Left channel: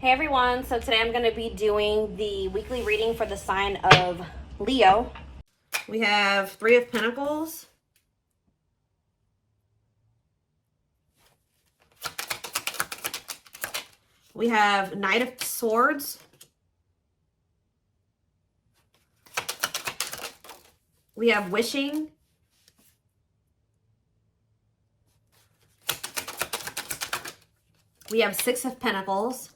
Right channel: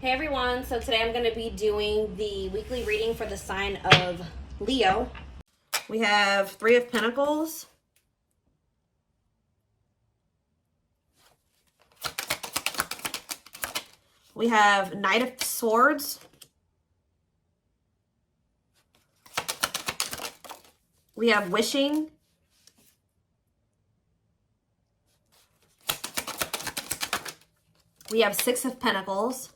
Hey everyone, so today I'm going to be doing the weekly reading for the sign of Leo. We have Three of Pentacles. We have Knight of Swords. We have Wishing. We have Six of Pentacles.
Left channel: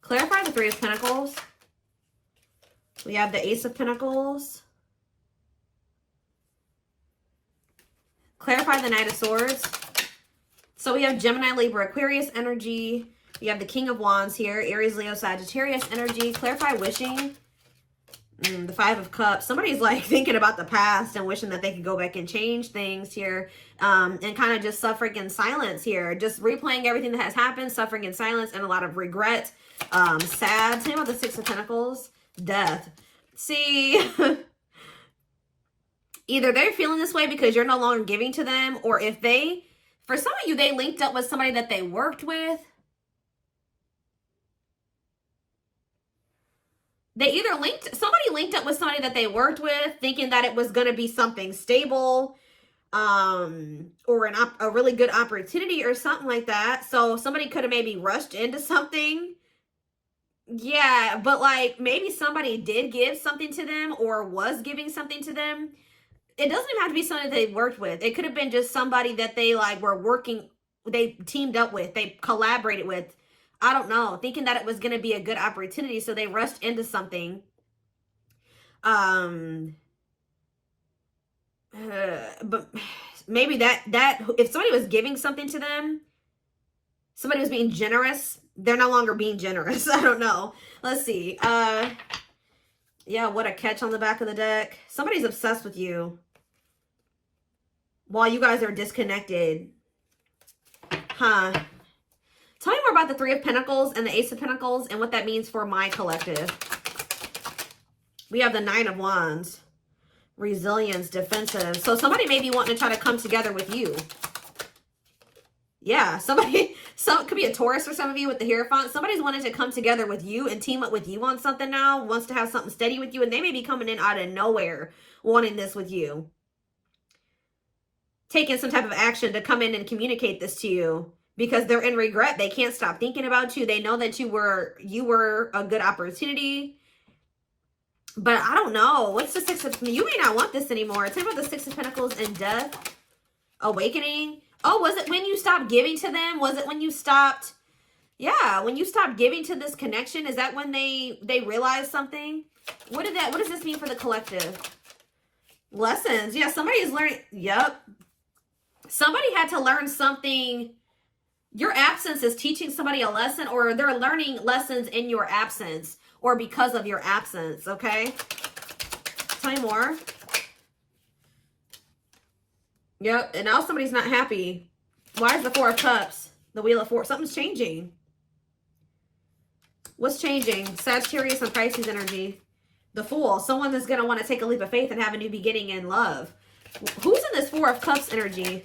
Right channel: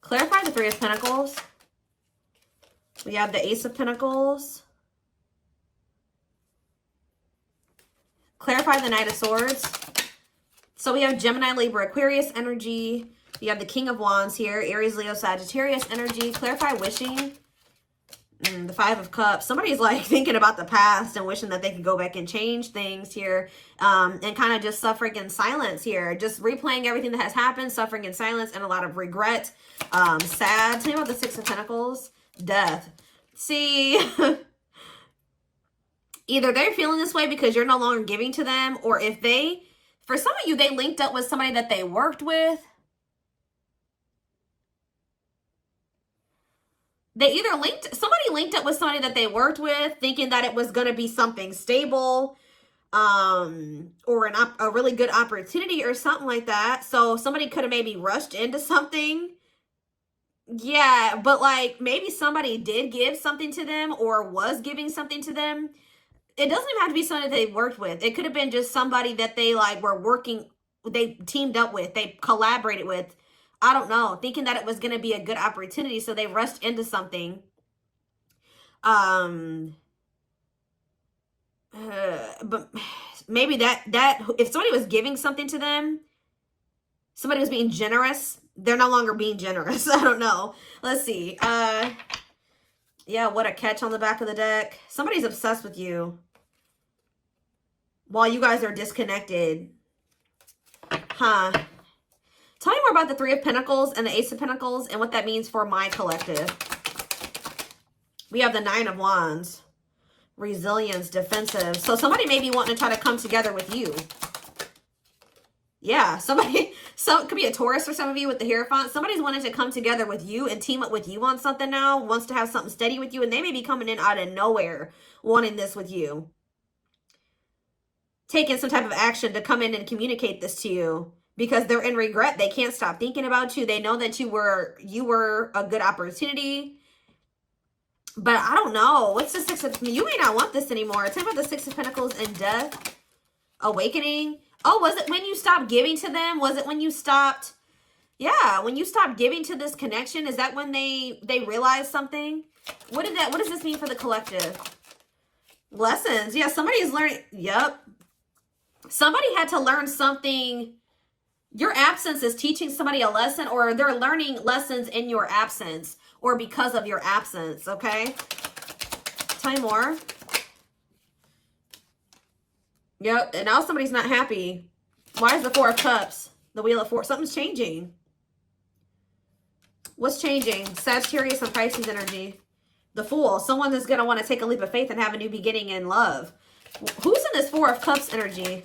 Clarify the Three of Pentacles. We have the Ace of Pentacles. Clarify the Knight of Swords. So we have Gemini, Libra, Aquarius energy. We have the King of Wands here. Aries, Leo, Sagittarius energy. Clarify Wishing. The Five of Cups. Somebody's like thinking about the past and wishing that they could go back and change things here. And kind of just suffering in silence here. Just replaying everything that has happened. Suffering in silence and a lot of regret. Sad. Tell me about the Six of Pentacles. Death. See... Either they're feeling this way because you're no longer giving to them, or if they, for some of you, they linked up with somebody that they worked with. Somebody linked up with somebody that they worked with, thinking that it was going to be something stable, or a really good opportunity or something like that. So somebody could have maybe rushed into something. Yeah, but like maybe somebody did give something to them or was giving something to them. It doesn't even have to be somebody they worked with. It could have been just somebody that they like were working, they teamed up with, they collaborated with. I don't know, thinking that it was going to be a good opportunity, so they rushed into something. But maybe that if somebody was giving something to them, somebody was being generous, they're no longer being generous. I don't know. Let's see. Yeah, what a catch on the back of the deck. Somebody's obsessed with you while you guys are disconnected. Huh. Tell me more about the Three of Pentacles and the Ace of Pentacles and what that means for my collective. We have the Nine of Wands. Resilience, defensive. So somebody may be wanting to try to come together with you. Yeah, it could be a Taurus for some of you with the Hierophant. Somebody's wanting to come together with you and team up with you on something now, wants to have something steady with you, and they may be coming in out of nowhere wanting this with you. Taking some type of action to come in and communicate this to you because they're in regret. They can't stop thinking about you. They know that you were a good opportunity. But I don't know. What's the Six of... You may not want this anymore. Tell me about the Six of Pentacles and Death. Awakening. Oh, was it when you stopped giving to them? Was it when you stopped? Yeah, when you stopped giving to this connection, is that when they realized something? What does this mean for the collective? Lessons. Yeah, somebody is learning. Yep. Somebody had to learn something. Your absence is teaching somebody a lesson, or they're learning lessons in your absence or because of your absence, okay? Tell me more. Yep, and now somebody's not happy. Why is the Four of Cups? The Wheel of Fortune. Something's changing. What's changing? Sagittarius and Pisces energy. The Fool. Someone that's going to want to take a leap of faith and have a new beginning in love. Who's in this Four of Cups energy?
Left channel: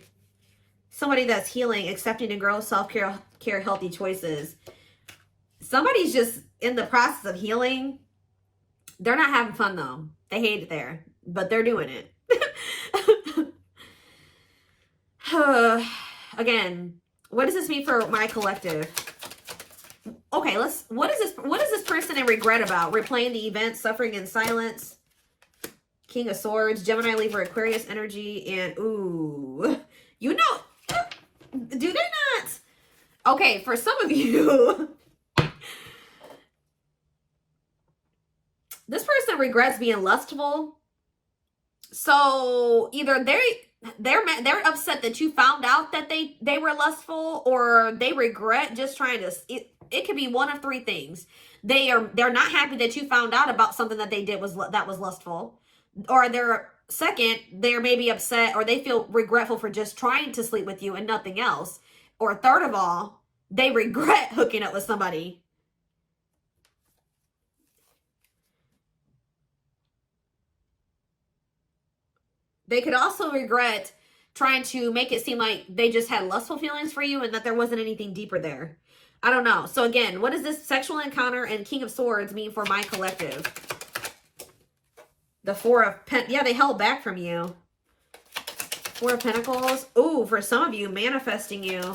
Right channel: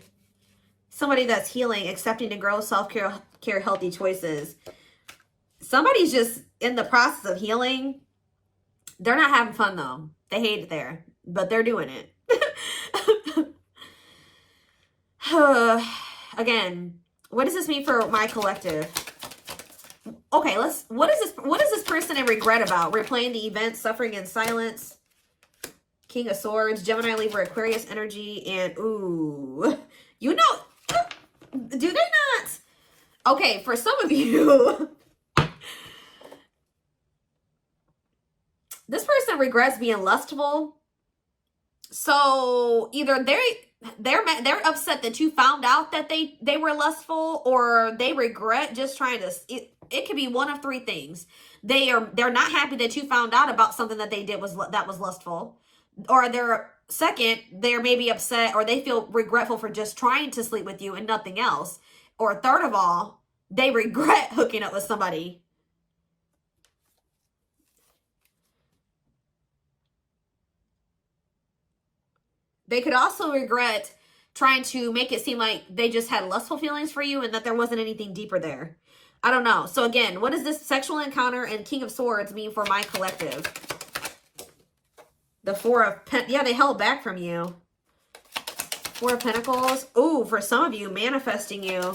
Somebody that's healing, accepting to grow, self-care, healthy choices. Somebody's just in the process of healing. They're not having fun, though. They hate it there, but they're doing it. Again, what does this mean for my collective? Okay, what is this person in regret about? Replaying the event, suffering in silence. King of Swords, Gemini, Libra, Aquarius energy, and ooh, you know, do they not? Okay, for some of you, this person regrets being lustful. So either they're upset that you found out that they were lustful, or they regret just trying to. It could be one of three things. They're not happy that you found out about something that they did that was lustful, or they're maybe upset, or they feel regretful for just trying to sleep with you and nothing else, or third of all, they regret hooking up with somebody. They could also regret trying to make it seem like they just had lustful feelings for you and that there wasn't anything deeper there. I don't know. So again, what does this sexual encounter and King of Swords mean for my collective? The Four of Pentacles. Yeah, they held back from you. Four of Pentacles. Ooh, for some of you, manifesting you.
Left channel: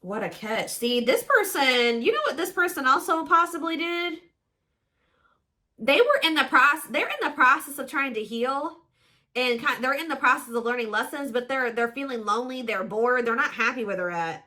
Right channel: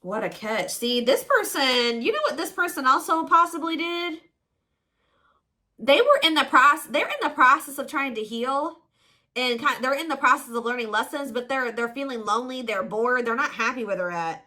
What a catch. See, this person, you know what this person also possibly did? They were in the process, they're in the process of trying to heal. And they're in the process of learning lessons, but they're feeling lonely, they're bored, they're not happy where they're at.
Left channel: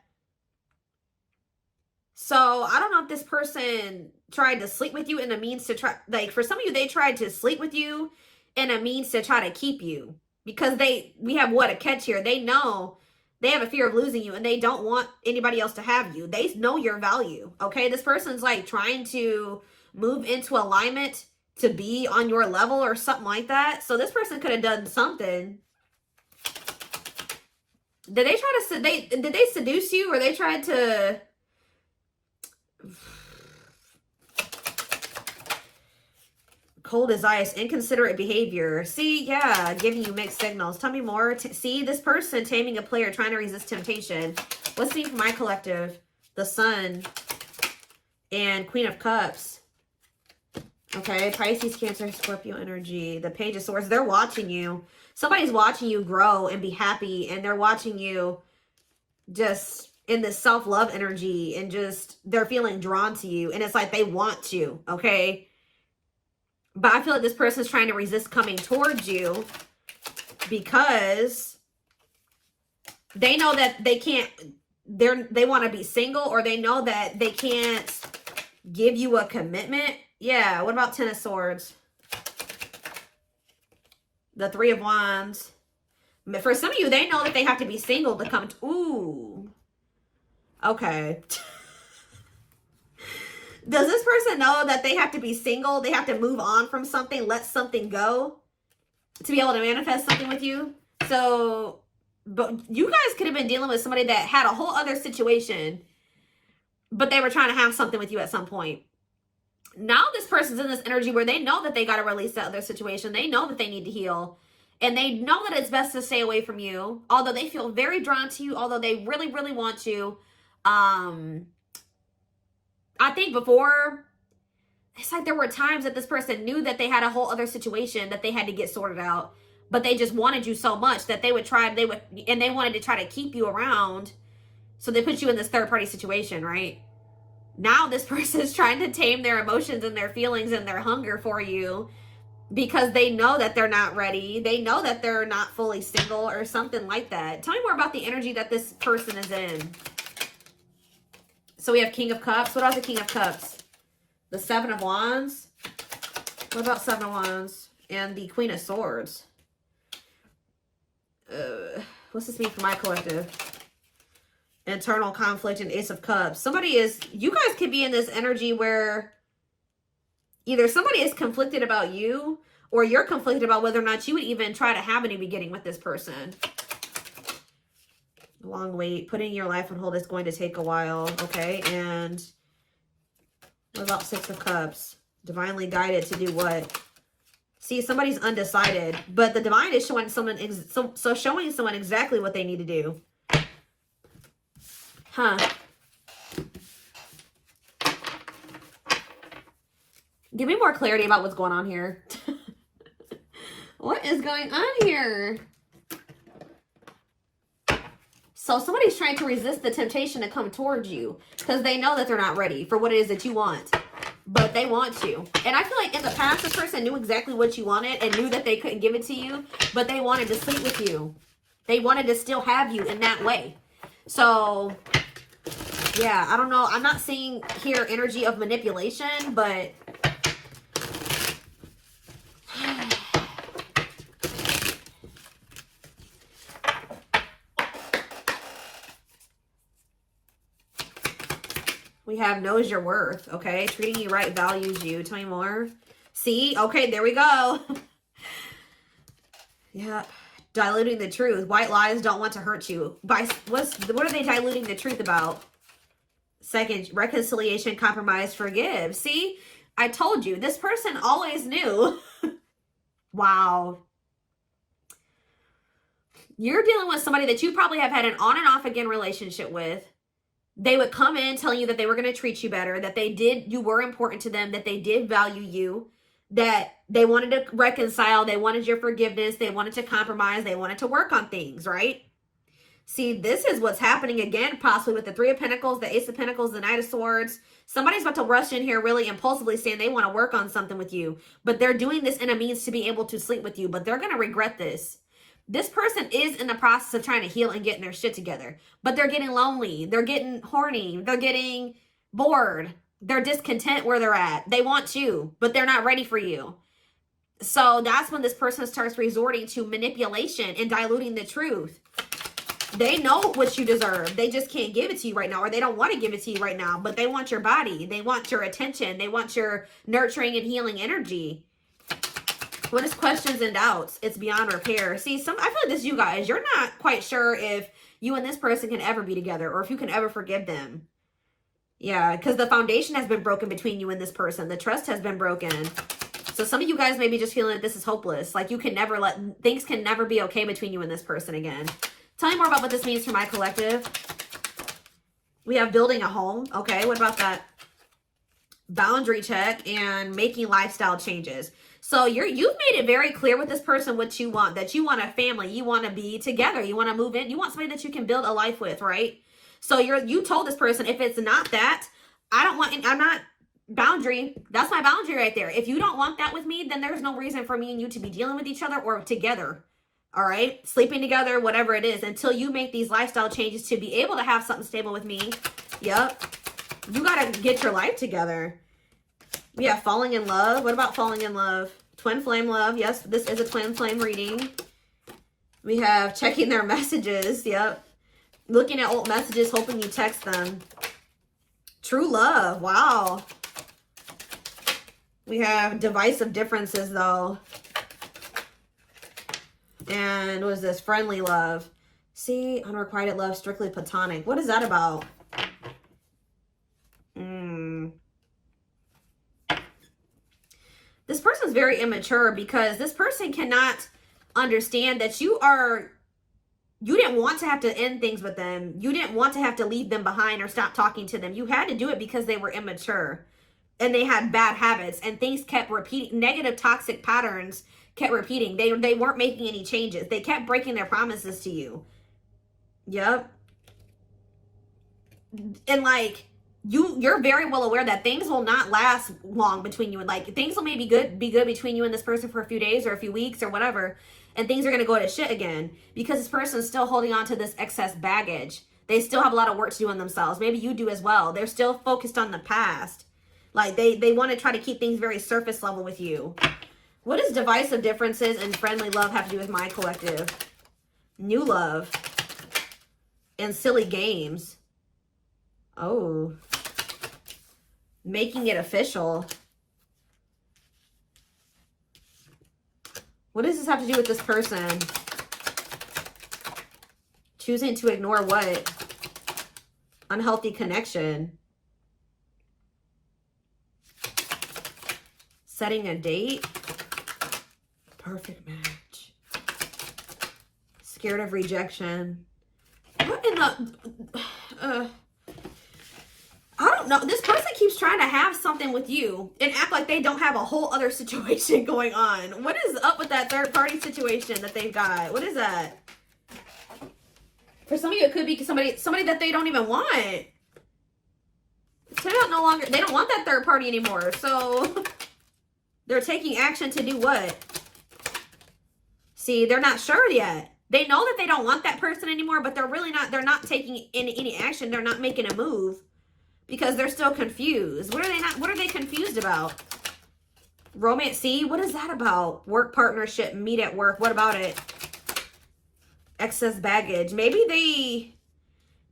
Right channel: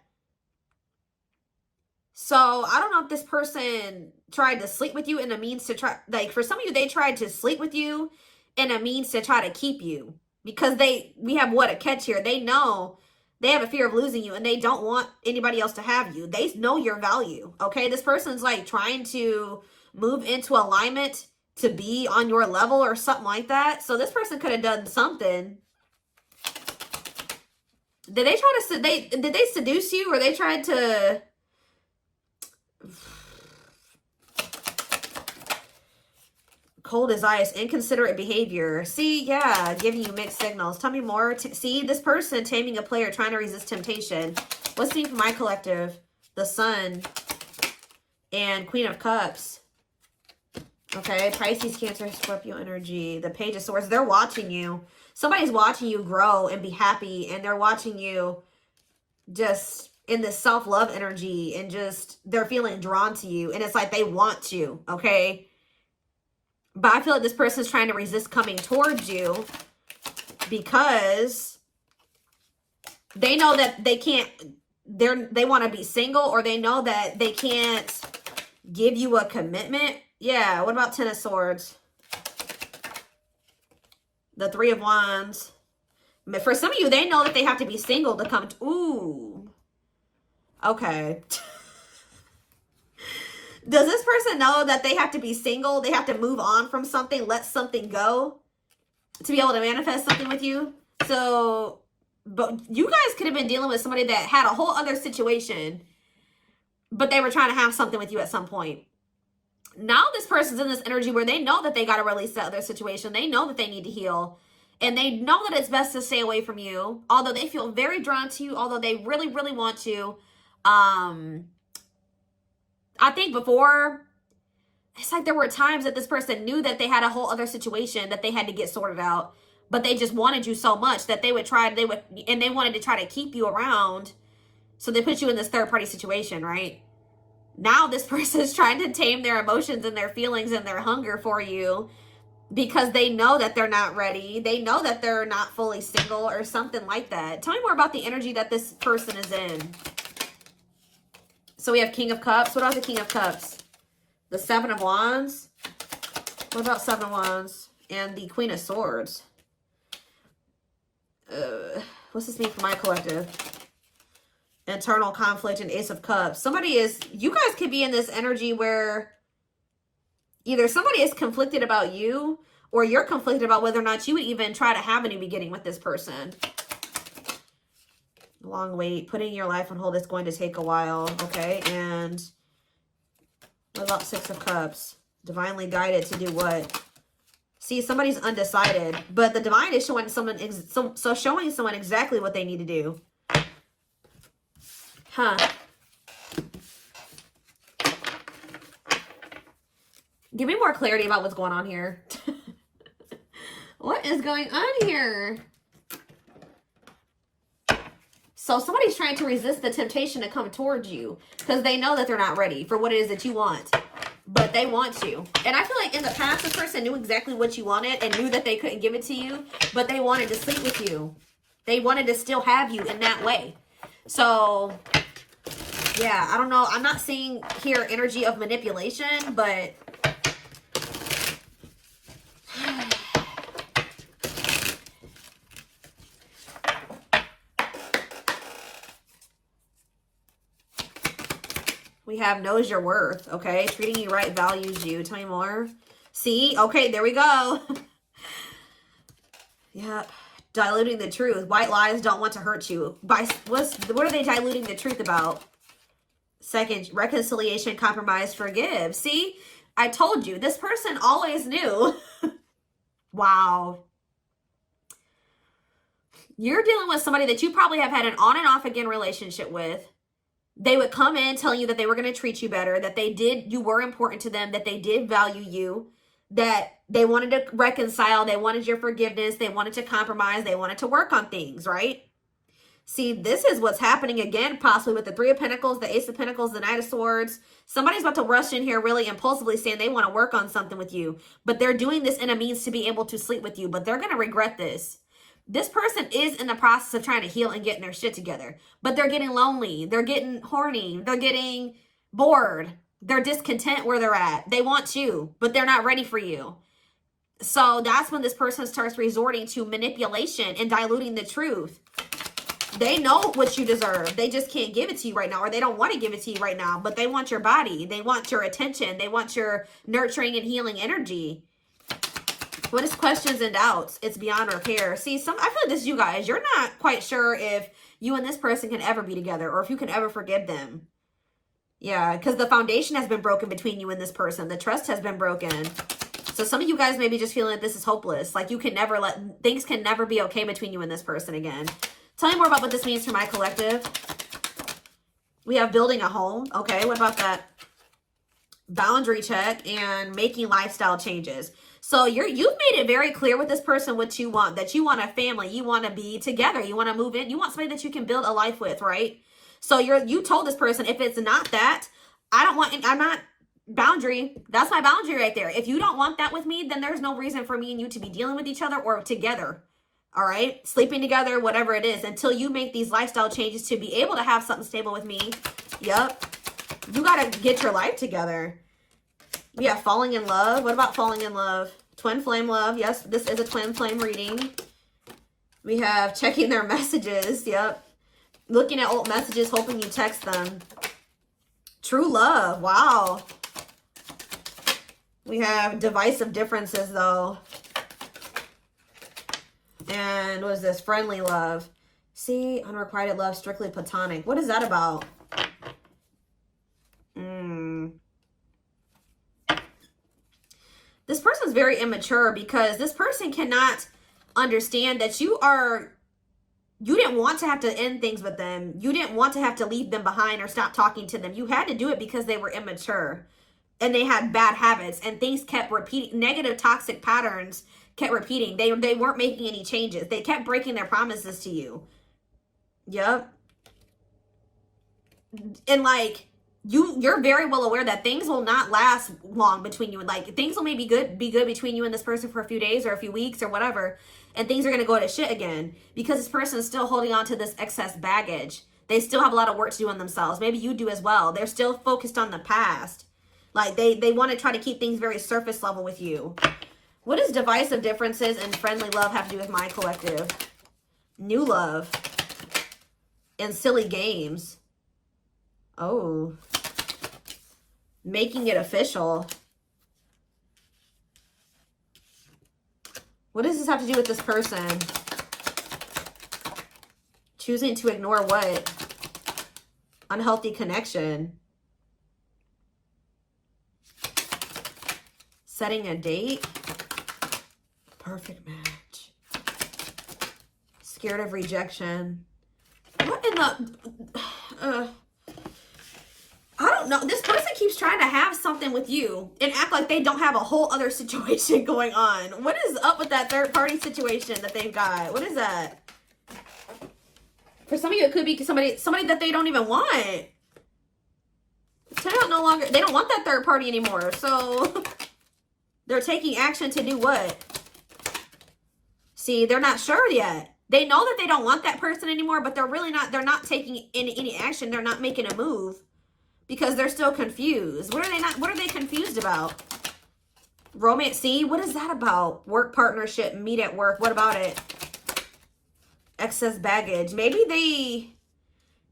So I don't know if this person tried to sleep with you in a means to try, like for some of you, they tried to sleep with you in a means to try to keep you. Because we have what a catch here. They know they have a fear of losing you and they don't want anybody else to have you. They know your value, okay? This person's like trying to move into alignment to be on your level or something like that. So this person could have done something. Did they try to, did they seduce you, or they tried to, cold as ice, inconsiderate behavior. See, yeah, giving you mixed signals. Tell me more. See, this person taming a player, trying to resist temptation. Let's see for my collective. The Sun and Queen of Cups. Okay, Pisces, Cancer, Scorpio energy. The Page of Swords. They're watching you. Somebody's watching you grow and be happy, and they're watching you just in this self-love energy, and just they're feeling drawn to you, and it's like they want you, okay? But I feel like this person is trying to resist coming towards you because they know that they can't, they want to be single, or they know that they can't give you a commitment. Yeah, what about Ten of Swords? The Three of Wands. But for some of you, they know that they have to be single to come to, ooh. Okay. Does this person know that they have to be single? They have to move on from something, let something go to be able to manifest something with you? So, but you guys could have been dealing with somebody that had a whole other situation, but they were trying to have something with you at some point. Now this person's in this energy where they know that they got to release that other situation. They know that they need to heal. And they know that it's best to stay away from you. Although they feel very drawn to you. Although they really, really want to. I think before, it's like there were times that this person knew that they had a whole other situation that they had to get sorted out. But they just wanted you so much that they wanted to try to keep you around. So they put you in this third party situation, right? Now this person is trying to tame their emotions and their feelings and their hunger for you because they know that they're not ready. They know that they're not fully single or something like that. Tell me more about the energy that this person is in. So we have King of Cups. What about the King of Cups? The Seven of Wands. What about Seven of Wands? And the Queen of Swords. What's this mean for my collective? Internal conflict and Ace of Cups. You guys could be in this energy where either somebody is conflicted about you, or you're conflicted about whether or not you would even try to have any beginning with this person. Long wait. Putting your life on hold is going to take a while. Okay. And what about Six of Cups? Divinely guided to do what? See, somebody's undecided, but the divine is showing someone, showing someone exactly what they need to do. Huh. Give me more clarity about what's going on here. What is going on here? So somebody's trying to resist the temptation to come towards you because they know that they're not ready for what it is that you want. But they want you. And I feel like in the past, this person knew exactly what you wanted and knew that they couldn't give it to you, but they wanted to sleep with you. They wanted to still have you in that way. So, yeah, I don't know. I'm not seeing here energy of manipulation, but we have knows your worth, okay? Treating you right, values you. Tell me more. See? Okay, there we go. Yeah. Diluting the truth. White lies don't want to hurt you. What are they diluting the truth about? Second, reconciliation, compromise, forgive. See? I told you. This person always knew. Wow. You're dealing with somebody that you probably have had an on and off again relationship with. They would come in telling you that they were going to treat you better, that you were important to them, that they did value you, that they wanted to reconcile, they wanted your forgiveness, they wanted to compromise, they wanted to work on things, right? See, this is what's happening again, possibly with the Three of Pentacles, the Ace of Pentacles, the Knight of Swords. Somebody's about to rush in here really impulsively saying they want to work on something with you, but they're doing this in a means to be able to sleep with you, but they're going to regret this. This person is in the process of trying to heal and getting their shit together, but they're getting lonely. They're getting horny. They're getting bored. They're discontent where they're at. They want you, but they're not ready for you. So that's when this person starts resorting to manipulation and diluting the truth. They know what you deserve. They just can't give it to you right now, or they don't want to give it to you right now, but they want your body. They want your attention. They want your nurturing and healing energy. What is questions and doubts? It's beyond repair. See, I feel like this is you guys. You're not quite sure if you and this person can ever be together or if you can ever forgive them. Yeah, because the foundation has been broken between you and this person. The trust has been broken. So some of you guys maybe just feeling like this is hopeless. Like you can never things can never be okay between you and this person again. Tell me more about what this means for my collective. We have building a home. Okay, what about that? Boundary check and making lifestyle changes. So you've made it very clear with this person what you want. That you want a family. You want to be together. You want to move in. You want somebody that you can build a life with, right? So you told this person, if it's not that, I'm not boundary. That's my boundary right there. If you don't want that with me, then there's no reason for me and you to be dealing with each other or together. All right, sleeping together, whatever it is, until you make these lifestyle changes to be able to have something stable with me. Yep. You got to get your life together. Yeah, falling in love. What about falling in love? Twin flame love. Yes, this is a twin flame reading. We have checking their messages. Yep. Looking at old messages, hoping you text them. True love. Wow. We have divisive differences, though. And what is this? Friendly love. See, unrequited love, strictly platonic. What is that about? This person's very immature because this person cannot understand that you didn't want to have to end things with them. You didn't want to have to leave them behind or stop talking to them. You had to do it because they were immature and they had bad habits and things kept repeating. Negative, toxic patterns kept repeating. They weren't making any changes. They kept breaking their promises to you. Yep. And like, you're very well aware that things will not last long between you. Like things will maybe be good between you and this person for a few days or a few weeks or whatever. And things are going to go to shit again because this person is still holding on to this excess baggage. They still have a lot of work to do on themselves. Maybe you do as well. They're still focused on the past. Like they want to try to keep things very surface level with you. What does divisive differences and friendly love have to do with my collective? New love and silly games. Oh. Making it official. What does this have to do with this person? Choosing to ignore what? Unhealthy connection. Setting a date. Perfect match. Scared of rejection. What in the... I don't know. This person keeps trying to have something with you and act like they don't have a whole other situation going on. What is up with that third party situation that they've got? What is that? For some of you, it could be somebody that they don't even want. They don't want that third party anymore. So they're taking action to do what? See, they're not sure yet. They know that they don't want that person anymore, but they're not taking any action. They're not making a move. Because they're still confused. What are they confused about? Romance, see? What is that about? Work partnership, meet at work. What about it? Excess baggage. Maybe they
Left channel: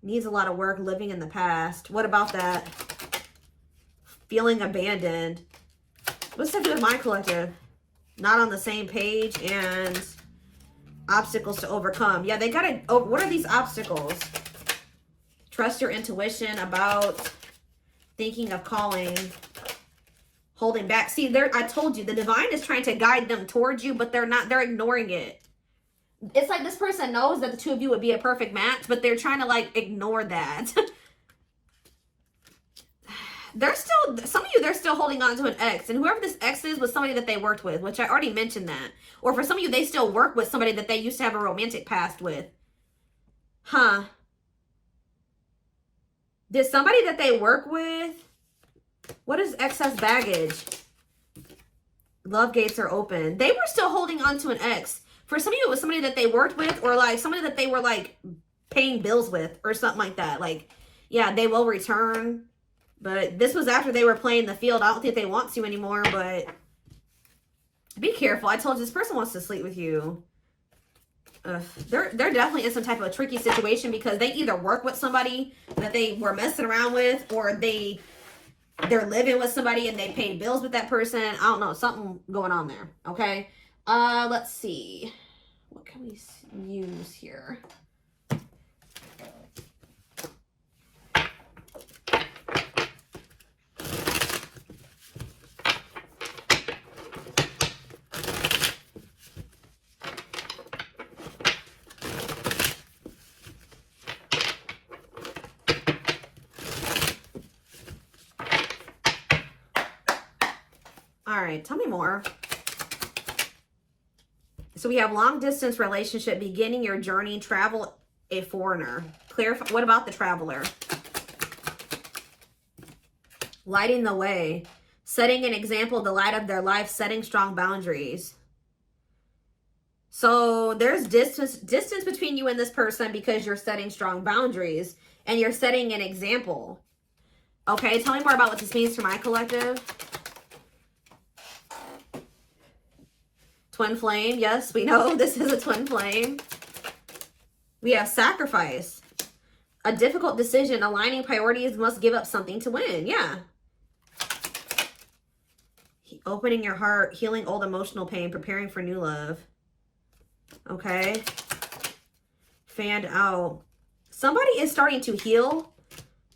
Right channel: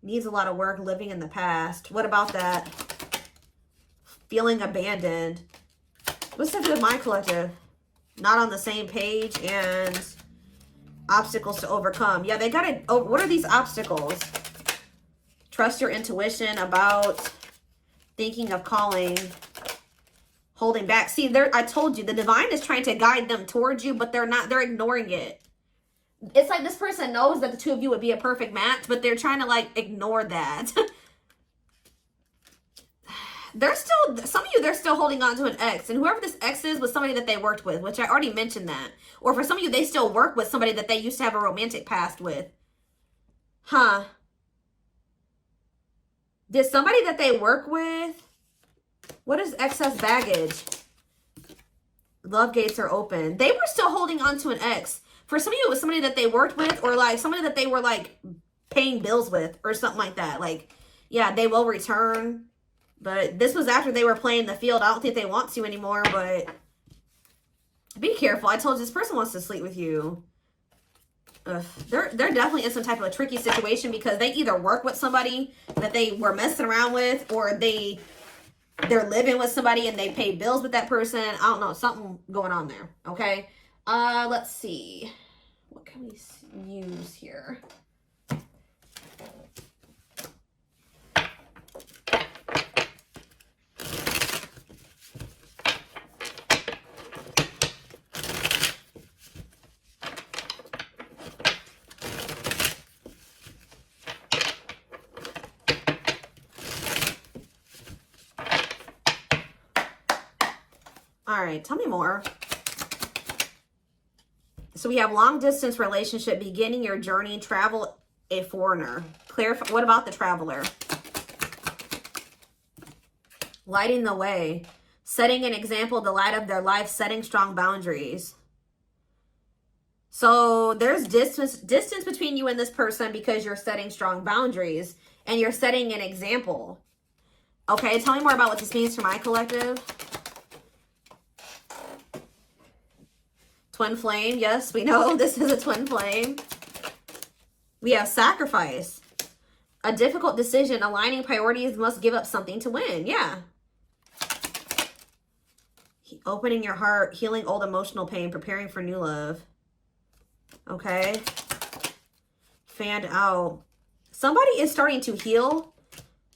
needs a lot of work living in the past. What about that? Feeling abandoned. What's up with my collective? Not on the same page and obstacles to overcome. Yeah, they got it. Oh, what are these obstacles? Trust your intuition about... Thinking of calling, holding back. See, I told you, the divine is trying to guide them towards you, but they're not. They're ignoring it. It's like this person knows that the two of you would be a perfect match, but they're trying to like ignore that. They're still, some of you, they're still holding on to an ex. And whoever this ex is was somebody that they worked with, which I already mentioned that. Or for some of you, they still work with somebody that they used to have a romantic past with. Huh. Did somebody that they work with, what is excess baggage? Love gates are open. They were still holding on to an ex. For some of you, it was somebody that they worked with, or like somebody that they were like paying bills with or something like that. Like, yeah, they will return. But this was after they were playing the field. I don't think they want to anymore, but be careful. I told you, this person wants to sleep with you. They're definitely in some type of a tricky situation because they either work with somebody that they were messing around with, or they're living with somebody and they pay bills with that person. I don't know, something going on there. Okay. Let's see. What can we use here? All right, tell me more. So we have long distance relationship, beginning your journey, travel, a foreigner. Clarify, what about the traveler? Lighting the way, setting an example, the light of their life, setting strong boundaries. So there's distance between you and this person because you're setting strong boundaries and you're setting an example. Okay, tell me more about what this means for my collective. Twin flame, yes, we know this is a twin flame. We have sacrifice. A difficult decision, aligning priorities, must give up something to win. Yeah. Opening your heart, healing old emotional pain, preparing for new love. Okay. Fan out. Somebody is starting to heal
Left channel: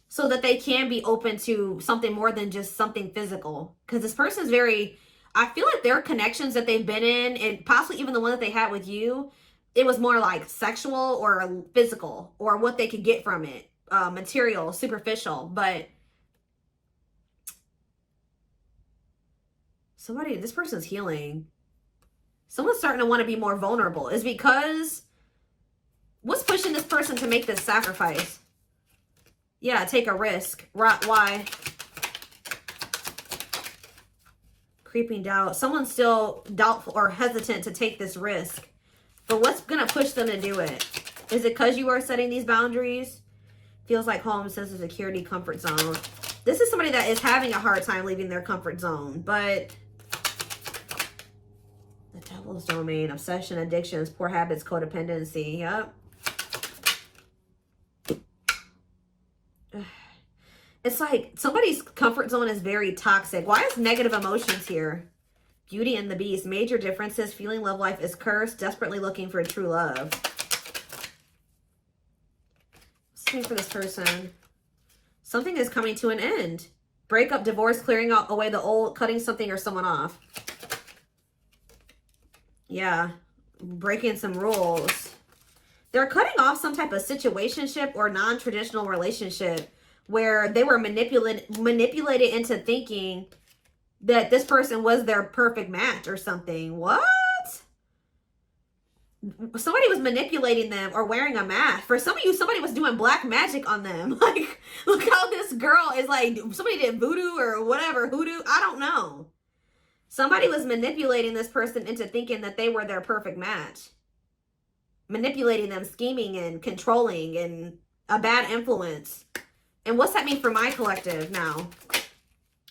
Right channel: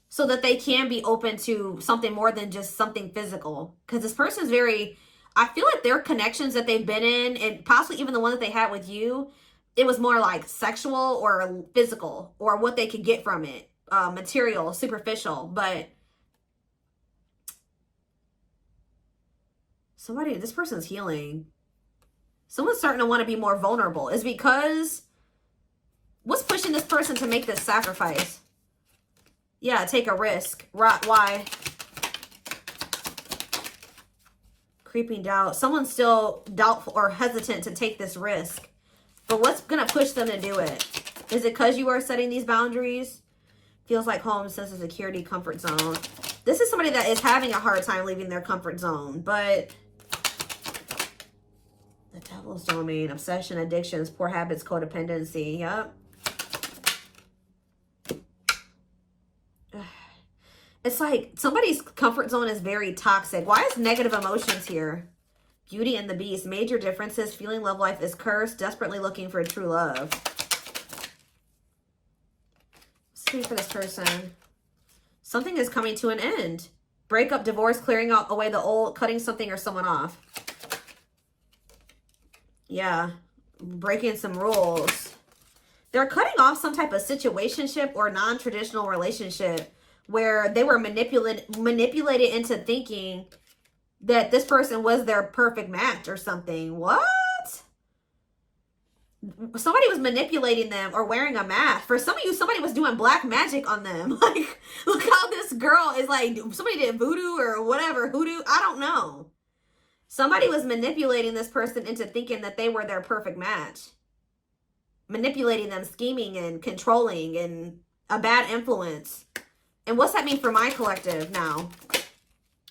so that they can be open to something more than just something physical. Because this person's very... I feel like their connections that they've been in, and possibly even the one that they had with you, it was more like sexual or physical, or what they could get from it. Material, superficial. But somebody, this person's healing. Someone's starting to want to be more vulnerable. Is because what's pushing this person to make this sacrifice? Yeah, take a risk. Why? Creeping doubt. Someone's still doubtful or hesitant to take this risk. But what's going to push them to do it? Is it because you are setting these boundaries? Feels like home, sense of security, comfort zone. This is somebody that is having a hard time leaving their comfort zone. But the devil's domain, obsession, addictions, poor habits, codependency. Yep. It's like somebody's comfort zone is very toxic. Why is negative emotions here? Beauty and the Beast. Major differences. Feeling love life is cursed. Desperately looking for true love. What's for this person? Something is coming to an end. Breakup, divorce, clearing out away the old, cutting something or someone off. Yeah. Breaking some rules. They're cutting off some type of situationship or non-traditional relationship where they were manipulated into thinking that this person was their perfect match or something. What? Somebody was manipulating them or wearing a mask. For some of you, somebody was doing black magic on them. Like, look how this girl is like, somebody did voodoo or whatever, hoodoo. I don't know. Somebody was manipulating this person into thinking that they were their perfect match. Manipulating them, scheming and controlling and a bad influence. And what's that mean for my collective now?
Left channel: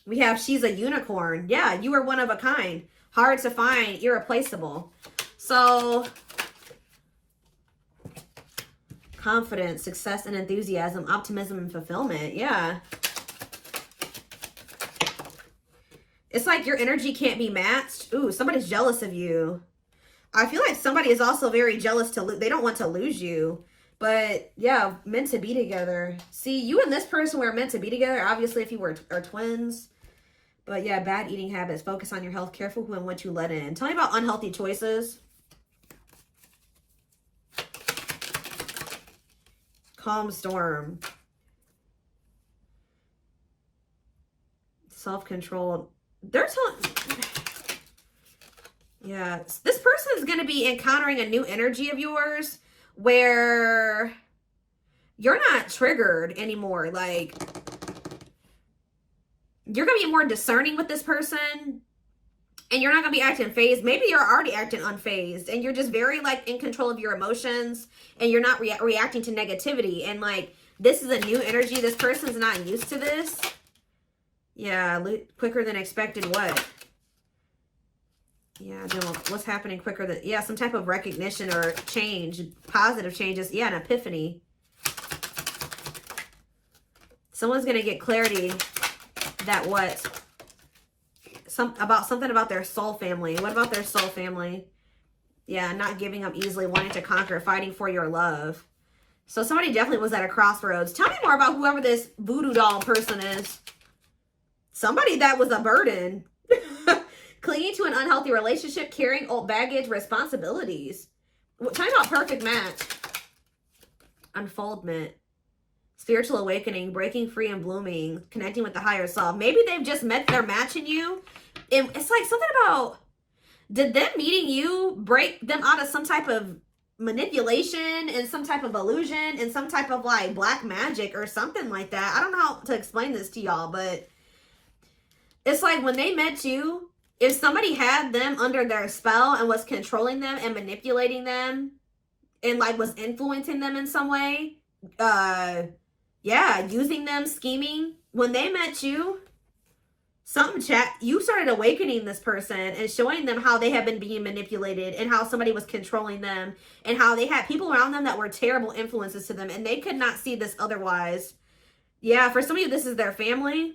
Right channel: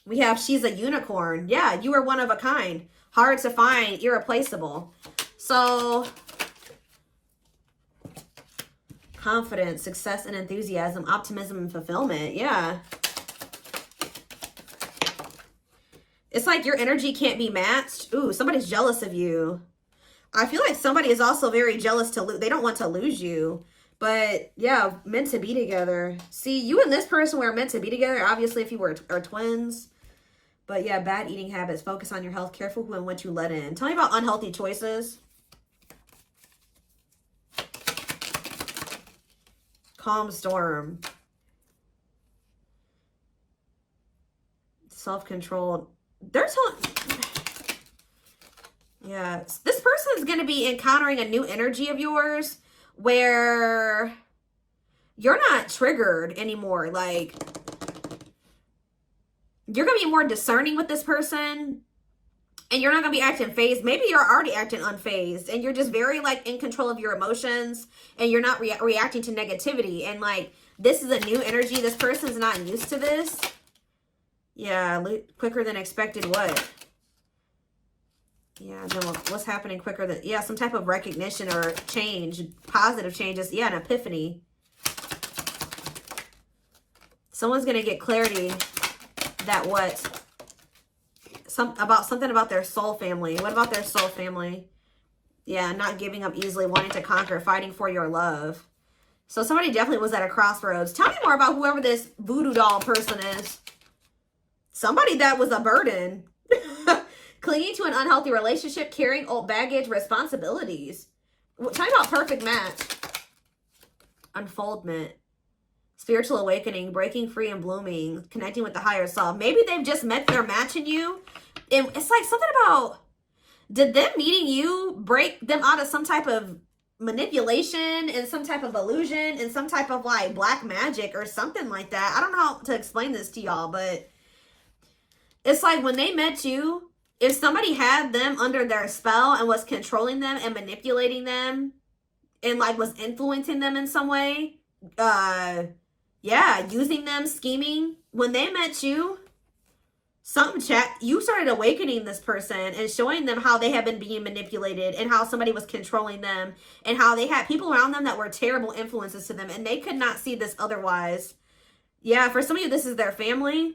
We have she's a unicorn. Yeah, you are one of a kind. Hard to find, irreplaceable. So, confidence, success and enthusiasm, optimism and fulfillment. Yeah. It's like your energy can't be matched. Ooh, somebody's jealous of you. I feel like somebody is also very jealous to lose. They don't want to lose you. But yeah, meant to be together. See, you and this person were meant to be together. Obviously, if you are twins. But yeah, bad eating habits. Focus on your health. Careful who and what you let in. Tell me about unhealthy choices. Calm storm. Self-controlled. They're telling... Yeah, this person is going to be encountering a new energy of yours where you're not triggered anymore. Like, you're going to be more discerning with this person, and you're not going to be acting phased. Maybe you're already acting unfazed, and you're just very, like, in control of your emotions, and you're not reacting to negativity. And, like, this is a new energy. This person's not used to this. Yeah, quicker than expected. What? Yeah, no, what's happening quicker than... Yeah, some type of recognition or change. Positive changes. Yeah, an epiphany. Someone's going to get clarity that what... something about their soul family. What about their soul family? Yeah, not giving up easily, wanting to conquer, fighting for your love. So somebody definitely was at a crossroads. Tell me more about whoever this voodoo doll person is. Somebody that was a burden. Clinging to an unhealthy relationship, carrying old baggage, responsibilities. Tell me about perfect match. Unfoldment. Spiritual awakening, breaking free and blooming, connecting with the higher self. Maybe they've just met their match in you. And it's like something about, did them meeting you break them out of some type of manipulation and some type of illusion and some type of like black magic or something like that? I don't know how to explain this to y'all, but it's like when they met you, if somebody had them under their spell and was controlling them and manipulating them and like was influencing them in some way, yeah, using them, scheming, when they met you, you started awakening this person and showing them how they had been being manipulated and how somebody was controlling them and how they had people around them that were terrible influences to them and they could not see this otherwise. Yeah, for some of you, this is their family.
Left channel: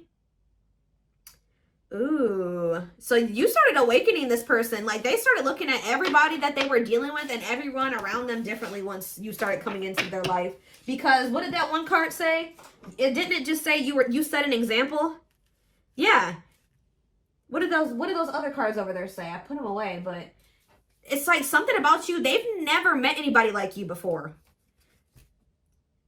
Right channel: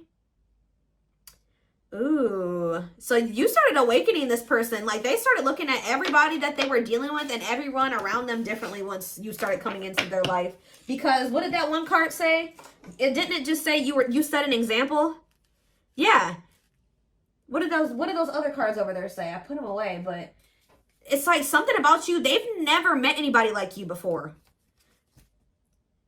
Ooh, so you started awakening this person. Like they started looking at everybody that they were dealing with and everyone around them differently once you started coming into their life. Because what did that one card say? Didn't it just say you set an example? Yeah. What did those other cards over there say? I put them away, but it's like something about you. They've never met anybody like you before.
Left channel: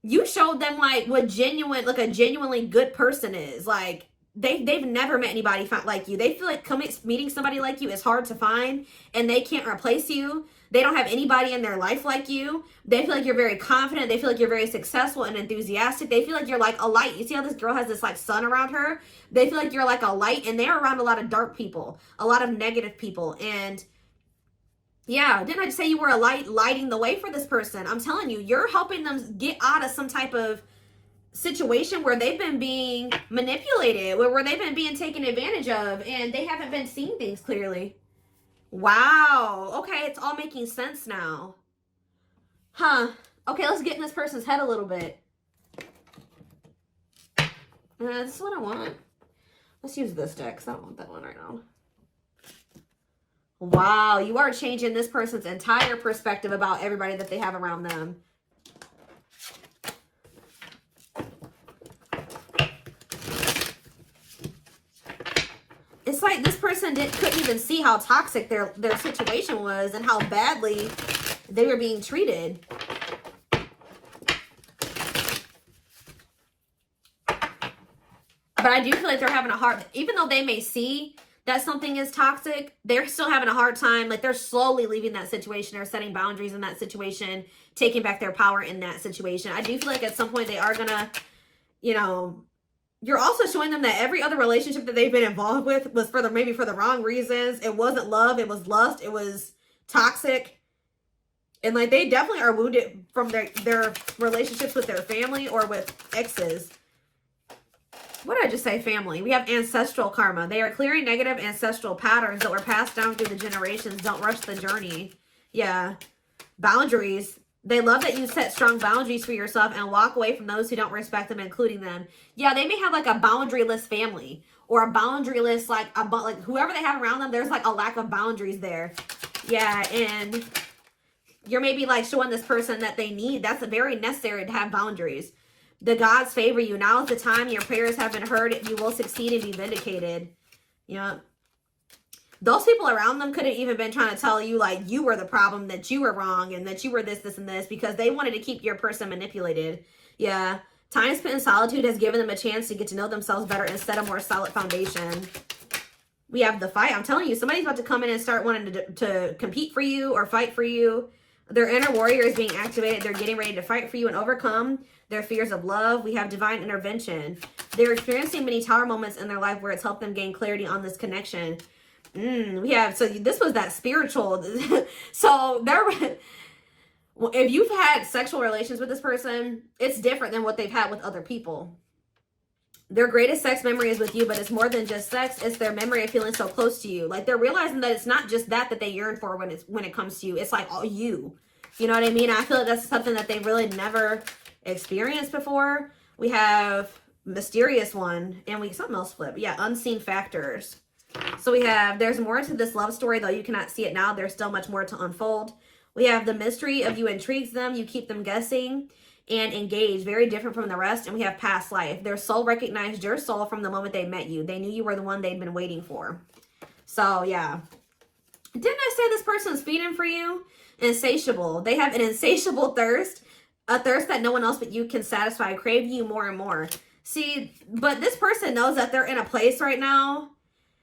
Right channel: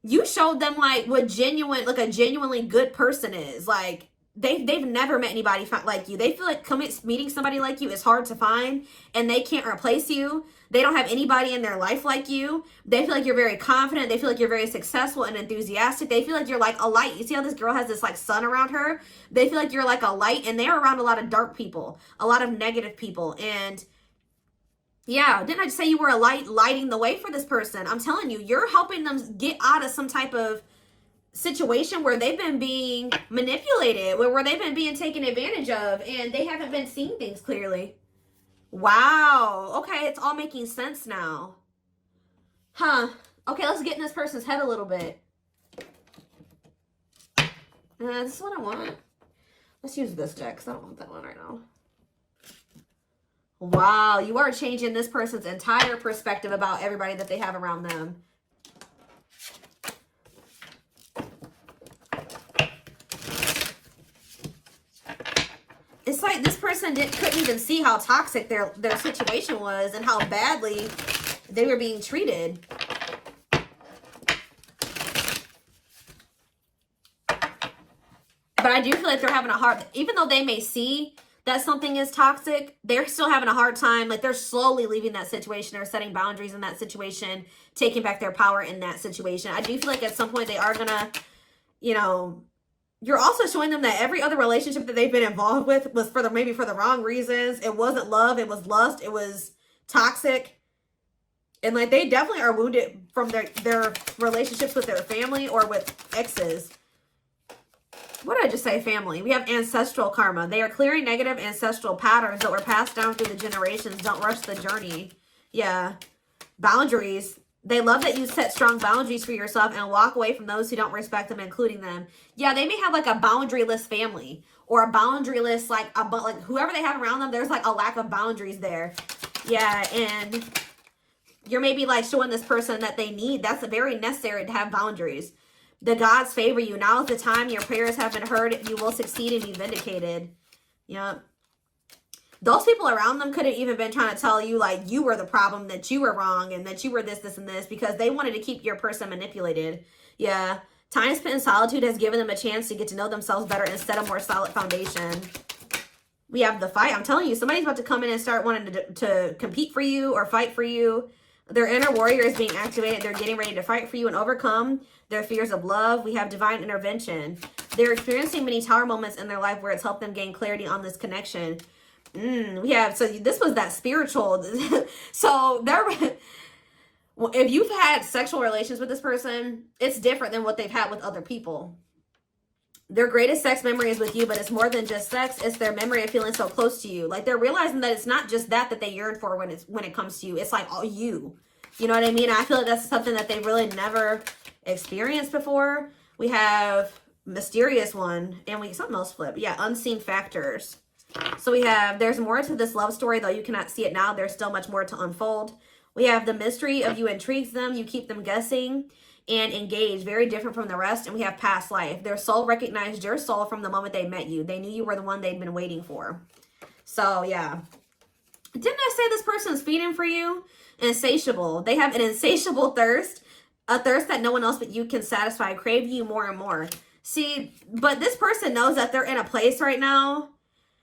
You showed them like what a genuinely good person is. Like they've never met anybody like you. They feel like meeting somebody like you is hard to find and they can't replace you. They don't have anybody in their life like you. They feel like you're very confident. They feel like you're very successful and enthusiastic. They feel like you're like a light. You see how this girl has this like sun around her? They feel like you're like a light and they're around a lot of dark people, a lot of negative people. And yeah, didn't I just say you were a light lighting the way for this person? I'm telling you, you're helping them get out of some type of situation where they've been being manipulated, where they've been being taken advantage of and they haven't been seeing things clearly. Wow. Okay, it's all making sense now. Huh. Okay, let's get in this person's head a little bit. This is what I want. Let's use this deck because I don't want that one right now. Wow, you are changing this person's entire perspective about everybody that they have around them. It's like this person couldn't even see how toxic their situation was and how badly they were being treated. But I do feel like they're having a hard, even though they may see that something is toxic, they're still having a hard time. Like they're slowly leaving that situation or setting boundaries in that situation, taking back their power in that situation. I do feel like at some point they are gonna, you know, you're also showing them that every other relationship that they've been involved with was maybe for the wrong reasons. It wasn't love. It was lust. It was toxic. And like they definitely are wounded from their relationships with their family or with exes. What did I just say? Family. We have ancestral karma. They are clearing negative ancestral patterns that were passed down through the generations. Don't rush the journey. Yeah. Boundaries. They love that you set strong boundaries for yourself and walk away from those who don't respect them, including them. Yeah, they may have like a boundaryless family or a boundaryless, like whoever they have around them, there's like a lack of boundaries there. Yeah, and you're maybe like showing this person that they need. That's very necessary to have boundaries. The gods favor you. Now is the time your prayers have been heard. You will succeed and be vindicated. Yep. Those people around them could have even been trying to tell you like you were the problem, that you were wrong, and that you were this, and this, because they wanted to keep your person manipulated. Yeah. Time spent in solitude has given them a chance to get to know themselves better and set a more solid foundation. We have the fight. I'm telling you, somebody's about to come in and start wanting to compete for you or fight for you. Their inner warrior is being activated. They're getting ready to fight for you and overcome their fears of love. We have divine intervention. They're experiencing many tower moments in their life where it's helped them gain clarity on this connection. We have, so this was that spiritual. So if you've had sexual relations with this person, it's different than what they've had with other people. Their greatest sex memory is with you, but it's more than just sex. It's their memory of feeling so close to you. Like, they're realizing that it's not just that they yearn for when it comes to you. It's like all you. You know what I mean? I feel like that's something that they really never experienced before. We have mysterious one, and something else flip. Yeah, unseen factors. So we have, there's more to this love story, though you cannot see it now. There's still much more to unfold. We have the mystery of you intrigues them. You keep them guessing and engaged, very different from the rest. And we have past life. Their soul recognized your soul from the moment they met you. They knew you were the one they'd been waiting for. So yeah, didn't I say this person's feeding for you? Insatiable. They have an insatiable thirst, a thirst that no one else but you can satisfy, crave you more and more. See, but this person knows that they're in a place right now.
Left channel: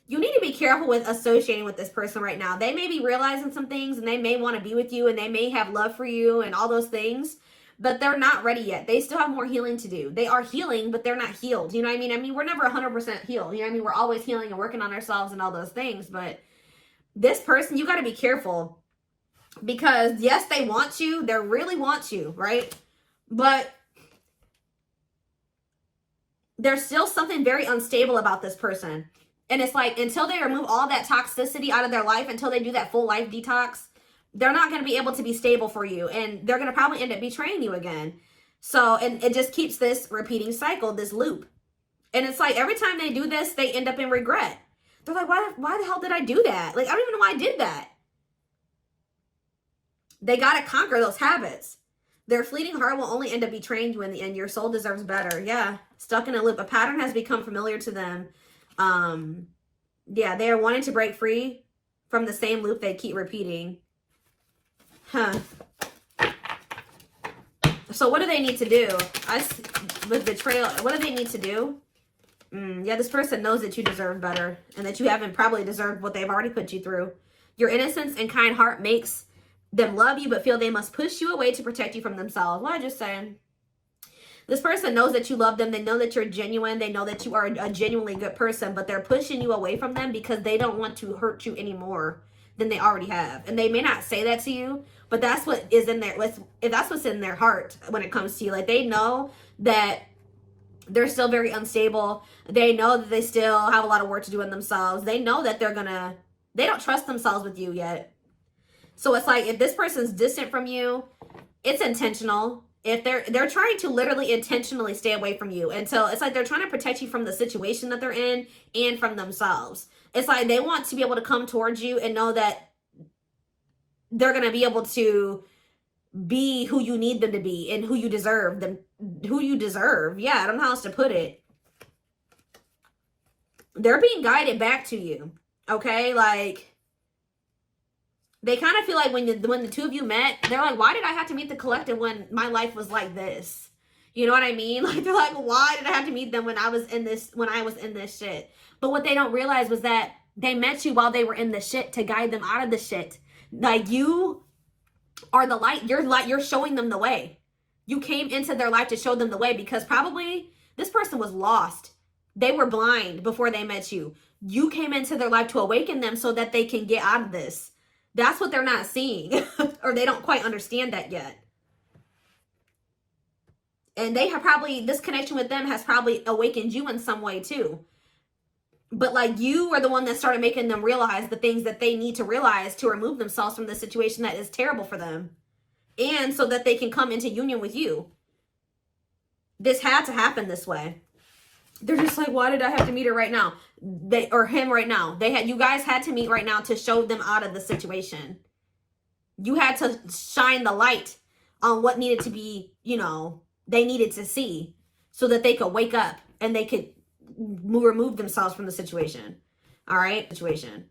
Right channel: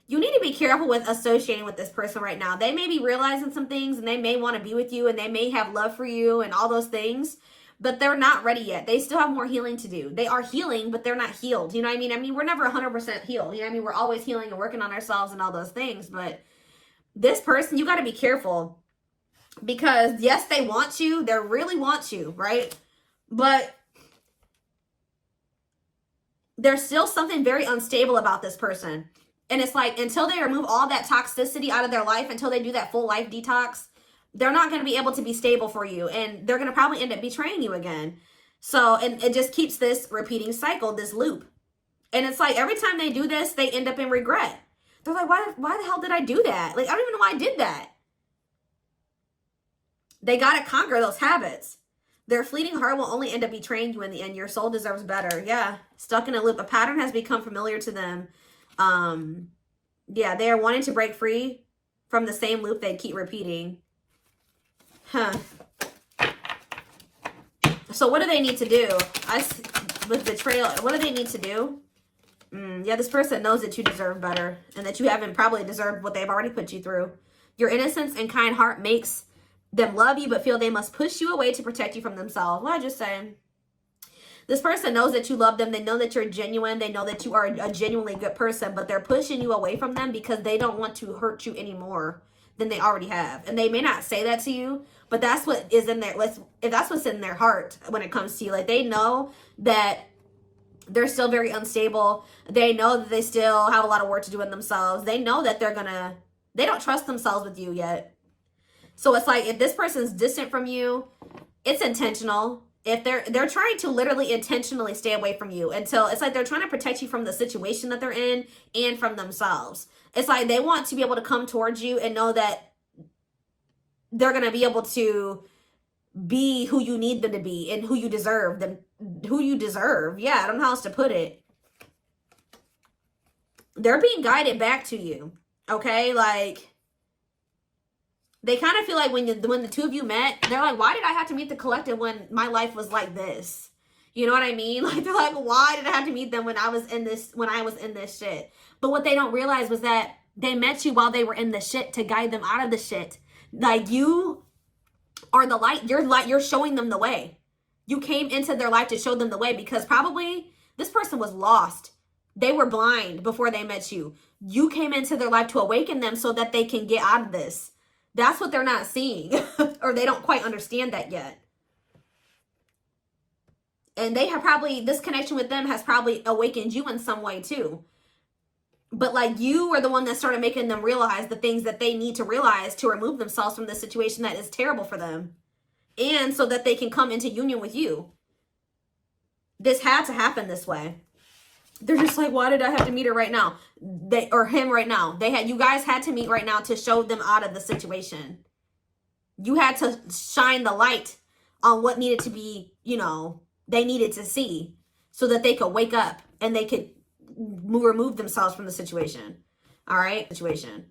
You need to be careful with associating with this person right now. They may be realizing some things, and they may want to be with you, and they may have love for you and all those things, but they're not ready yet. They still have more healing to do. They are healing, but they're not healed. You know what I mean? I mean, we're never 100% healed. You know what I mean? We're always healing and working on ourselves and all those things, but this person, you got to be careful, because yes, they want you. They really want you, right? But there's still something very unstable about this person. And it's like, until they remove all that toxicity out of their life, until they do that full life detox, they're not going to be able to be stable for you. And they're going to probably end up betraying you again. So it just keeps this repeating cycle, this loop. And it's like, every time they do this, they end up in regret. They're like, why the hell did I do that? Like, I don't even know why I did that. They got to conquer those habits. Their fleeting heart will only end up betraying you in the end. Your soul deserves better. Yeah. Stuck in a loop. A pattern has become familiar to them. Yeah, they are wanting to break free from the same loop they keep repeating. So what do they need to do? With betrayal, what do they need to do? Yeah, this person knows that you deserve better, and that you haven't probably deserved what they've already put you through. Your innocence and kind heart makes them love you, but feel they must push you away to protect you from themselves. What I just saying. This person knows that you love them. They know that you're genuine. They know that you are a genuinely good person, but they're pushing you away from them because they don't want to hurt you any more than they already have. And they may not say that to you, but that's what is in there. That's what's in their heart when it comes to you. Like, they know that they're still very unstable. They know that they still have a lot of work to do in themselves. They know that they don't trust themselves with you yet. So it's like, if this person's distant from you, it's intentional. If they're trying to literally intentionally stay away from you until it's like they're trying to protect you from the situation that they're in and from themselves. It's like they want to be able to come towards you and know that they're going to be able to be who you need them to be and who you deserve them, who you deserve. Yeah, I don't know how else to put it. They're being guided back to you. Okay, like, they kind of feel like when the two of you met, they're like, why did I have to meet the collective when my life was like this? You know what I mean? Like, they're like, why did I have to meet them when I was in this shit? But what they don't realize was that they met you while they were in the shit to guide them out of the shit. Like, you are the light. You're showing them the way. You came into their life to show them the way, because probably this person was lost. They were blind before they met you. You came into their life to awaken them so that they can get out of this. That's what they're not seeing, or they don't quite understand that yet. And they have probably, this connection with them has probably awakened you in some way too. But like, you are the one that started making them realize the things that they need to realize to remove themselves from the situation that is terrible for them. And so that they can come into union with you. This had to happen this way. They're just like, why did I have to meet her right now? Or him right now. You guys had to meet right now to show them out of the situation. You had to shine the light on what needed to be, they needed to see, so that they could wake up and they could remove themselves from the situation. All right? Situation.